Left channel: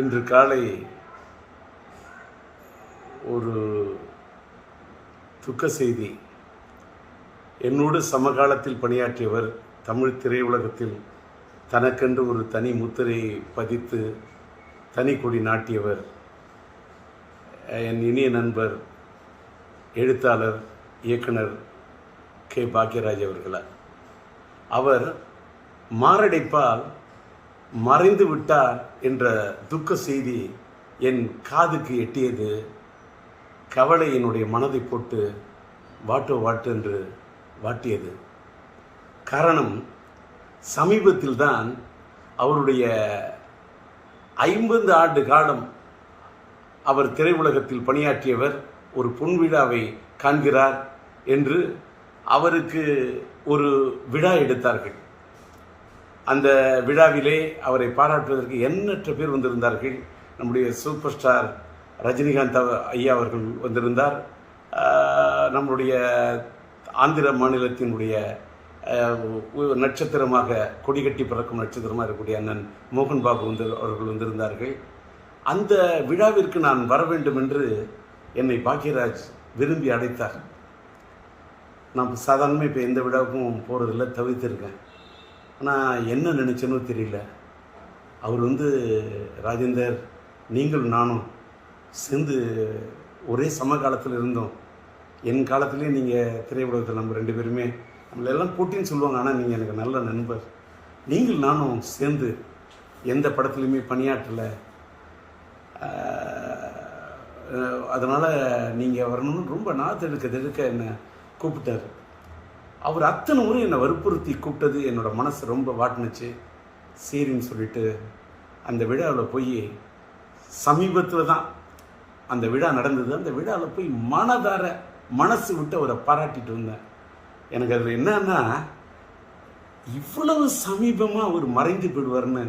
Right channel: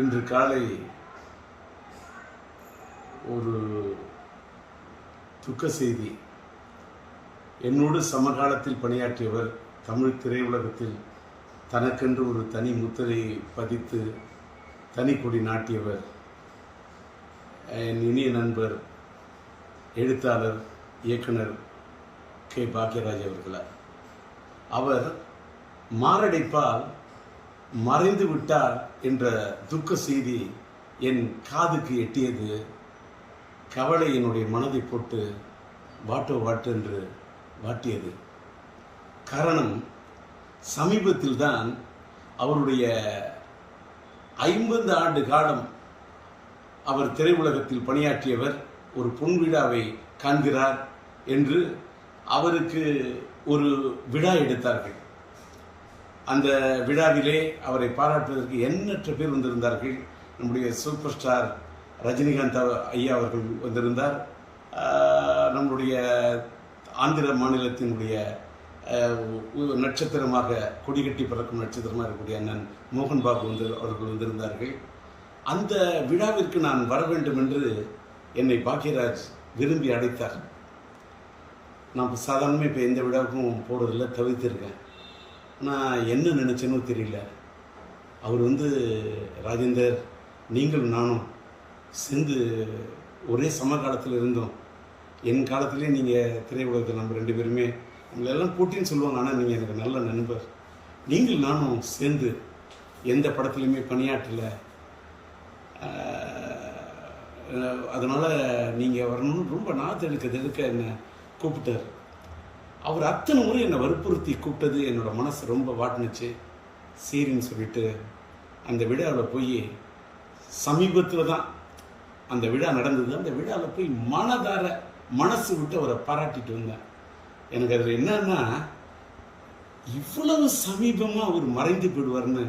இன்று காலை ஒரு துக்க செய்தி. என்னோடு சமகாலத்தில் பணியாற்றியவர், தமிழ் திரையுலகத்தில் தனக்கென்று ஒரு தனி முத்திரையை பதித்து தனி கொடி நாட்டியவர், என் இனிய நண்பர் எழுத்தாளர் இயக்குனர் கே. பாக்யராஜ் அவர்களார். அவர் மாரடைப்பால் மறைந்து விட்டார் என்ற துக்க செய்தி என் காதுக்கு எட்டியது. கவலை என்னுடைய மனதை போட்டு வாட்டு என்று வாட்டியது. காரணம், சமீபத்தில்தான் அவருடைய 50 ஆண்டு காலம் அவர் திரையுலகத்தில் பணியாற்றியவர் ஒரு பொன்விழாவை காண்கிறார் என்று அவருக்கு ஒரு விழா எடுத்தார்கள். அந்த விழாவிலே அவரை பாராட்டுவதற்கு எண்ணற்ற பேர் வந்திருந்தார்கள். நம்முடைய சூப்பர் ஸ்டார் ரஜினிகாந்த் ஐயா அவர்கள் வந்திருந்தார். நம்முடைய ஆந்திர மாநிலத்தினுடைய நட்சத்திரமாக கொடிகட்டி பறக்கும் நட்சத்திரமாக இருக்கக்கூடிய அண்ணன் மோகன் பாபு அவர்கள் வந்திருந்தார்கள். அந்த விழாவிற்கு நான் வர வேண்டும் என்று என்னை பாக்யராஜ் விரும்பி அழைத்தார். நான் சாதாரணமாக இப்போ எந்த விழாவுக்கும் போகிறதில்ல, தவிர்த்திருக்கேன். ஆனால் என்ன நினச்சேனோ தெரியல. அவர் ராஜேந்தர், நீங்கள் நானும் சேர்ந்து ஒரே சமகாலத்தில் இருந்தோம். என் காலத்திலே நீங்கள் திரையுலகத்தில் நம்ம 2 பேருமே நம்மளெல்லாம் போட்டின்னு சொல்லுவாங்க. ஆனால் நீங்கள் எனக்கு நல்ல நண்பர். நீங்கள் நானும் சேர்ந்து எந்த படத்துலையுமே பணியாற்றலை, அதனால் நீங்கள் வரணும்னு ரொம்ப நாத்தெடுக்க என்னை கூப்பிட்டார். அவர் அத்தனை முறை என்னை வற்புறுத்தி கூப்பிட்டது என்னோட மனசு ரொம்ப வாட்டினுச்சு. சரின்னு சொல்லிட்டு அந்த விழாவில் போய், சமீபத்தில் தான் அந்த விழா நடந்தது. அந்த விழாவில் போய் மனதார மனசு விட்டு அவரை பாராட்டிட்டு வந்தேன். எனக்கு அதில் என்னன்னா, இவ்வளவு சமீபமாக அவர் மறைந்து போயிடுவார்னு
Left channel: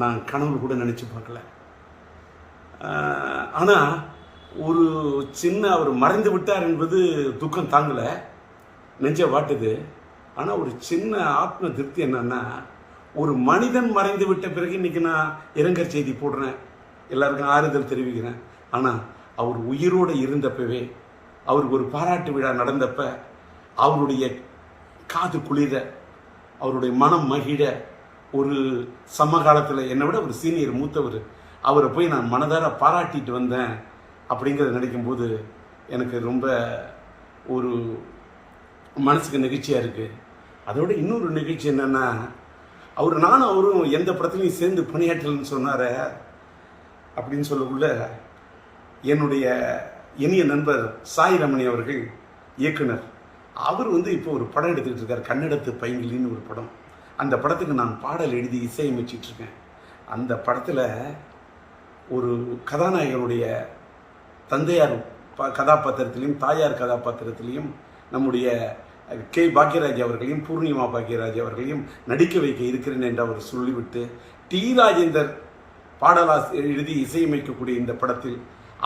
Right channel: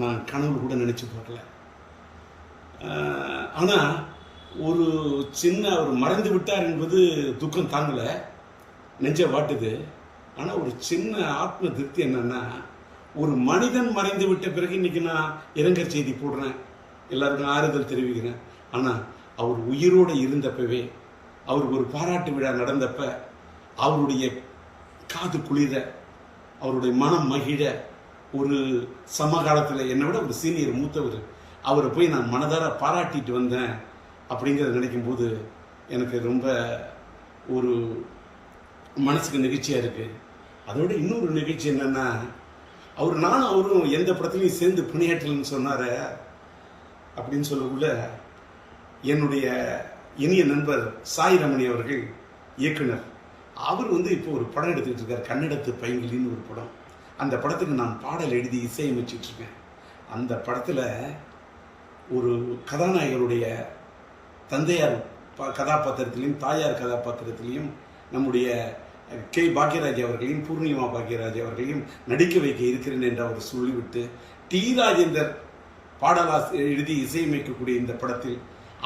நான் கனவு கூட நினச்சி பார்க்கல. ஆனால் ஒரு சின்ன அவர் மறைந்து விட்டார் என்பது துக்கம் தாங்கலை, நெஞ்ச வாட்டுது. ஆனால் ஒரு சின்ன ஆத்ம திருப்தி என்னன்னா, ஒரு மனிதன் மறைந்து விட்ட பிறகு இன்னைக்கு நான் இரங்கல் செய்தி போடுறேன், எல்லாருக்கும் ஆறுதல் தெரிவிக்கிறேன். ஆனால் அவர் உயிரோடு இருந்தப்பவே, அவருக்கு ஒரு பாராட்டு விழா நடந்தப்ப அவருடைய காது குளிர, அவருடைய மனம் மகிழ, ஒரு சமகாலத்தில் என்னை விட ஒரு சீனியர் மூத்தவர், அவரை போய் நான் மனதார பாராட்டிட்டு வந்தேன் அப்படிங்கிறத நினைக்கும் போது எனக்கு ரொம்ப ஒரு மனசுக்கு நிகழ்ச்சியாக இருக்குது. அதோட இன்னொரு நிகழ்ச்சி என்னன்னா, நானும் அவரும் எந்த படத்துலையும் சேர்ந்து பணியாற்றலன்னு சொன்னார அப்படின்னு சொல்லக்குள்ள, என்னுடைய இனிய நண்பர் சாய் ரமணி அவர்கள் இயக்குனர், அவர் இப்போ ஒரு படம் எடுத்துக்கிட்டு இருக்கார், கன்னடத்து பைங்கிலின்னு ஒரு படம். அந்த படத்துக்கு நான் பாடல் எழுதி இசையமைச்சிட்டு இருக்கேன். அந்த படத்தில் ஒரு கதாநாயகனுடைய தந்தையார் கதாபாத்திரத்திலையும் தாயார் கதாபாத்திரத்திலையும் நம்முடைய கே. பாக்யராஜ் அவர்களையும் பூர்ணிமா பாக்யராஜ் அவர்களையும் நடிக்க வைக்க இருக்கிறேன் என்று அவர் சொல்லிவிட்டு, டி. ராஜேந்தர் பாடலாசிரியர் எழுதி இசையமைக்கக்கூடிய இந்த படத்தில்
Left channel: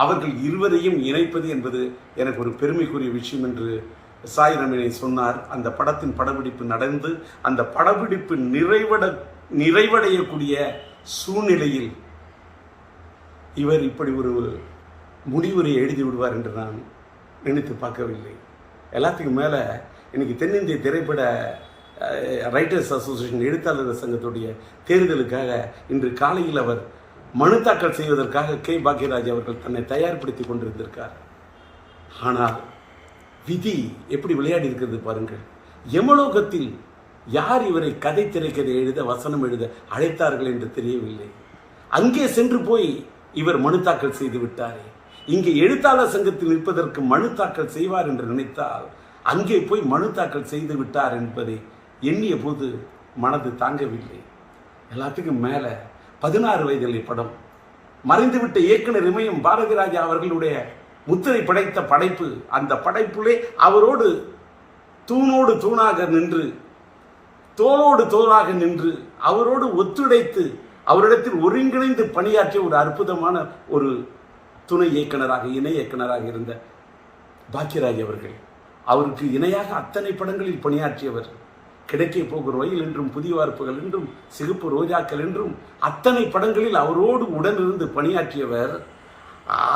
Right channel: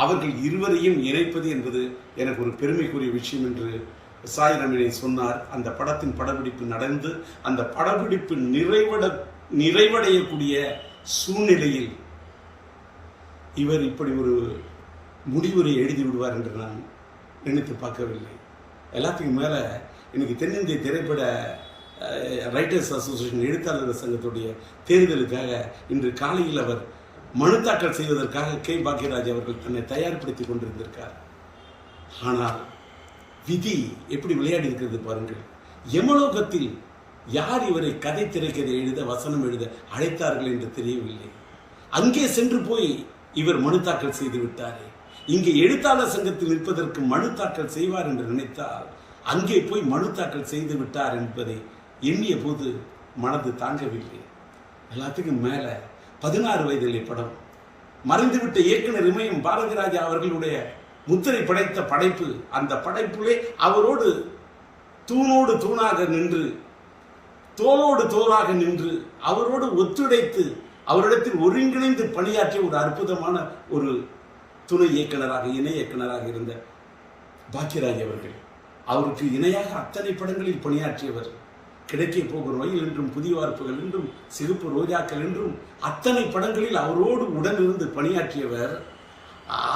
அவர்கள் இருவரையும் இணைப்பது என்பது எனக்கு ஒரு பெருமைக்குரிய விஷயம் என்று சாய் ரமணி சொன்னார். அந்த படத்தின் படப்பிடிப்பு நடந்து அந்த படப்பிடிப்பு நிறைவடையக்கூடிய சூழ்நிலையில் இவர் இப்படி ஒரு முடிவுரை எழுதி விடுவார் என்று நான் நினைத்து பார்க்கவில்லை. எல்லாத்துக்கும் மேலே இன்னைக்கு தென்னிந்திய திரைப்பட ரைட்டர்ஸ் அசோசியேஷன் எழுத்தாளர் சங்கத்துடைய தேர்தலுக்காக இன்று காலையில் அவர் மனு தாக்கல் செய்வதற்காக கே. பாக்யராஜ் அவர்கள் தன்னை தயார்படுத்தி கொண்டிருந்திருக்கார். ஆனால் விதி எப்படி விளையாடி இருக்கிறது பாருங்கள். யமலோகத்தில் யார் இவரை கதை திரைக்கதை எழுத, வசனம் எழுத அழைத்தார்கள் என்று தெரியவில்லை. அங்கே சென்று போய் இவர் மனு தாக்கல் செய்து விட்டாரே. இங்கே எழுத்தாளர் சங்கத்தில் நிற்பதற்கு மனு தாக்கல் செய்வார் என்று நினைத்தால் அங்கே போய் மனு தாக்கல் செய்து விட்டார் என்பதை எண்ணிய போது மனது தாங்கவில்லை. எல்லாத்துக்கும் மேல 16 வயதிலே படம், மறைந்துவிட்ட இயக்குனர் இமயம் பாரதிராஜா அவர்களுடைய முத்திரை படைத்த படைப்பு. அந்த படைப்புலே அவரோடு தூணோடு தூணாக நின்று, தோளோடு தோளாக நின்று, அவரோடு ஒத்துழைத்து, அவரிடத்தில் ஒருங்கிணைந்து பணியாற்றிய ஒரு அற்புதமான ஒரு துணை இயக்குனராக, இணை இயக்குனராக இருந்த பாக்யராஜ் அவர்கள், அவருக்கு இணையாக அத்தனை படங்களில் பணியாற்றியவர். கிடைக்க போகிற ரயில் என்றும், புதிய வார்ப்புகள் என்றும், சிகப்பு ரோஜாக்கள் என்றும் அத்தனை படங்களில் அவரோடு உடனிருந்து பணியாற்றியவர்.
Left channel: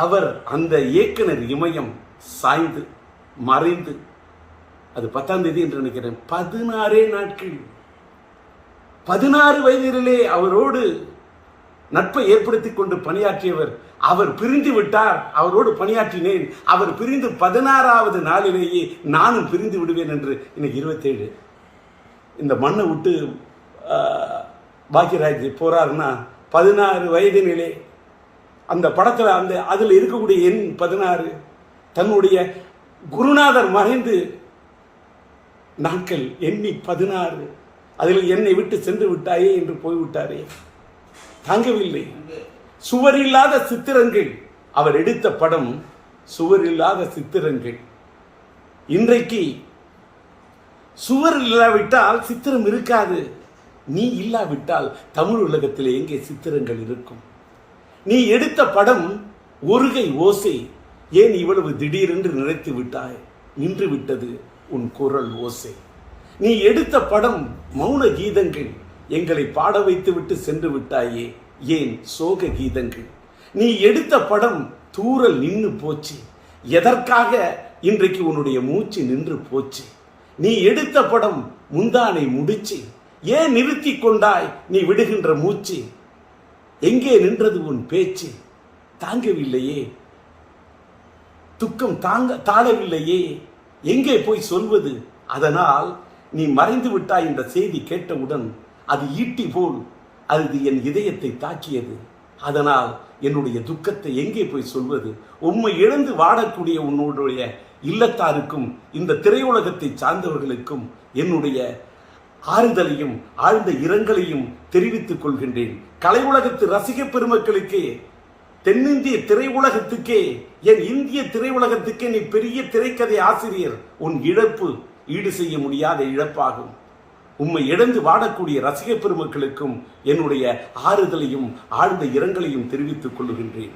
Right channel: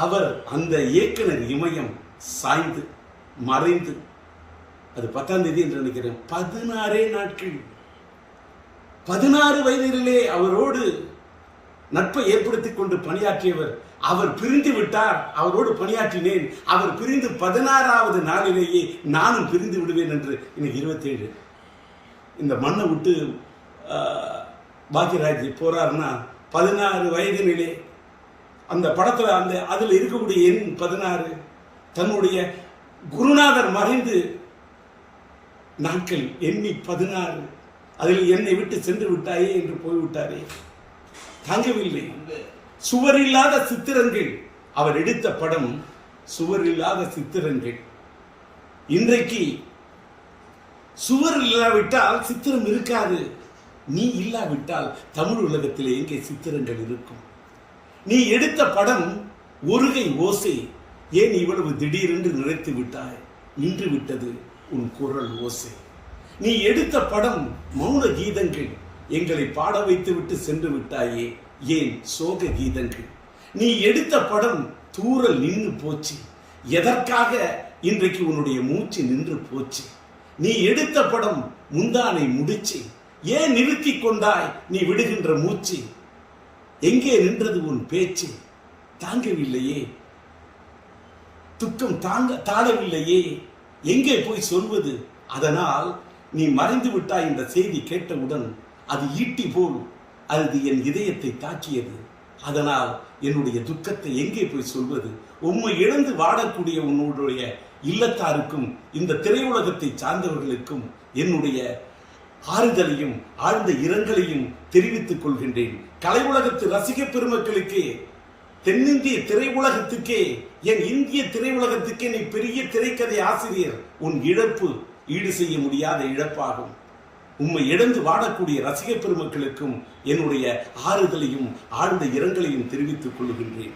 அவர் அந்த இயக்குனர் இமயம் சாய்ந்து மறைந்து, அது 10ஆம் தேதி என்று நினைக்கிறேன், 16 நாட்கள், 16 வயதிலே அவரோடு நட்பை ஏற்படுத்திக் கொண்டு பணியாற்றியவர். அவர் பிரிந்து விட்டார், அவரோடு பணியாற்றினேன். அவர் பிரிந்து 16வது நாளிலேயே நானும் பிரிந்து விடுவேன் என்று. இன்னைக்கு 27. இந்த மண்ணை விட்டு பாக்யராஜ் போறாருன்னா 16 வயதினிலே அந்த படத்துல அதுல இருக்கக்கூடிய எண் 16. தன்னுடைய குருநாதர் மறைந்து நாட்கள் எண்ணி 16, அதில் என்னை விட்டு சென்று விட்டாயே என்று போய்விட்டாரே, தாங்கவில்லை. சுவரில்லாத சித்திரங்கள், அவர் எடுத்த படம் சுவரில்லாத சித்திரங்கள். இன்றைக்கு சுவர் இல்லாவிட்டால் சித்திரம் இருக்காது. நீ இல்லாவிட்டால் தமிழ் உலகத்தில் எங்கே சித்திரங்கள் இருக்கும்? நீ எடுத்த படம் ஒருகை ஓசை, ஏன் இவ்வளவு திடீரென்று நினைத்து விட்டாய்? நின்று விட்டது உன் குரல் ஓசை. நீ எடுத்த படம் மௌன கீதங்கள், எங்களை பாட வைத்து விட்டு சென்று விட்டாயே, ஏன் சோக கீதங்கள்? நீ எடுத்த படம் தூரல் நின்று போச்சு, எதற்காக இன்றைக்கு உன்னுடைய மூச்சு நின்று போச்சு? நீ எடுத்த படம் முந்தானை முடிச்சு, ஏன் நிறுத்தி கொண்டாய் நீ விடுகின்ற மூச்சு? எங்கே நின்றது உன் பேச்சு? தாங்கவில்லையே, துக்கம் தாழவில்லையே, எங்கே போய் சொல்வது? அதனால் நீ மறைந்து விட்டாய் என்ற செய்தி கேட்டவுடன் அது ஈட்டி போல் அது என் இதயத்தை தாக்கியது. அதனால் என்னுடைய துக்கத்தை எங்கே போய் சொல்வது? உம்மை இழந்து வாடக்கூடிய உன்னுடைய இல்லத்தாருக்கும் இந்த திரையுலகத்தை சார்ந்தவர்களுக்கும் என்னுடைய ஆறுதலையும் ஆழ்ந்த இரங்கலையும் தெரிவித்துக் கொள்கின்றேன். கலை உலகத்து ரசிக பெருமக்களுக்கு, தென்னிந்திய திரையுலகத்துக்கே, என் இந்திய திரையுலகத்துக்கே நீ பெரிய திரைக்கதை ஆசிரியர். உன் இழப்பு ஈடு செய்ய முடியாத இழப்பாகும். உம்மை இழந்து வாடக்கூடிய ரசிக பெருமக்களுக்கும் என்னுடைய ஆறுதலையும் ஆழ்ந்த இரங்கலையும் தெரிவித்துக் கொள்கின்றேன்.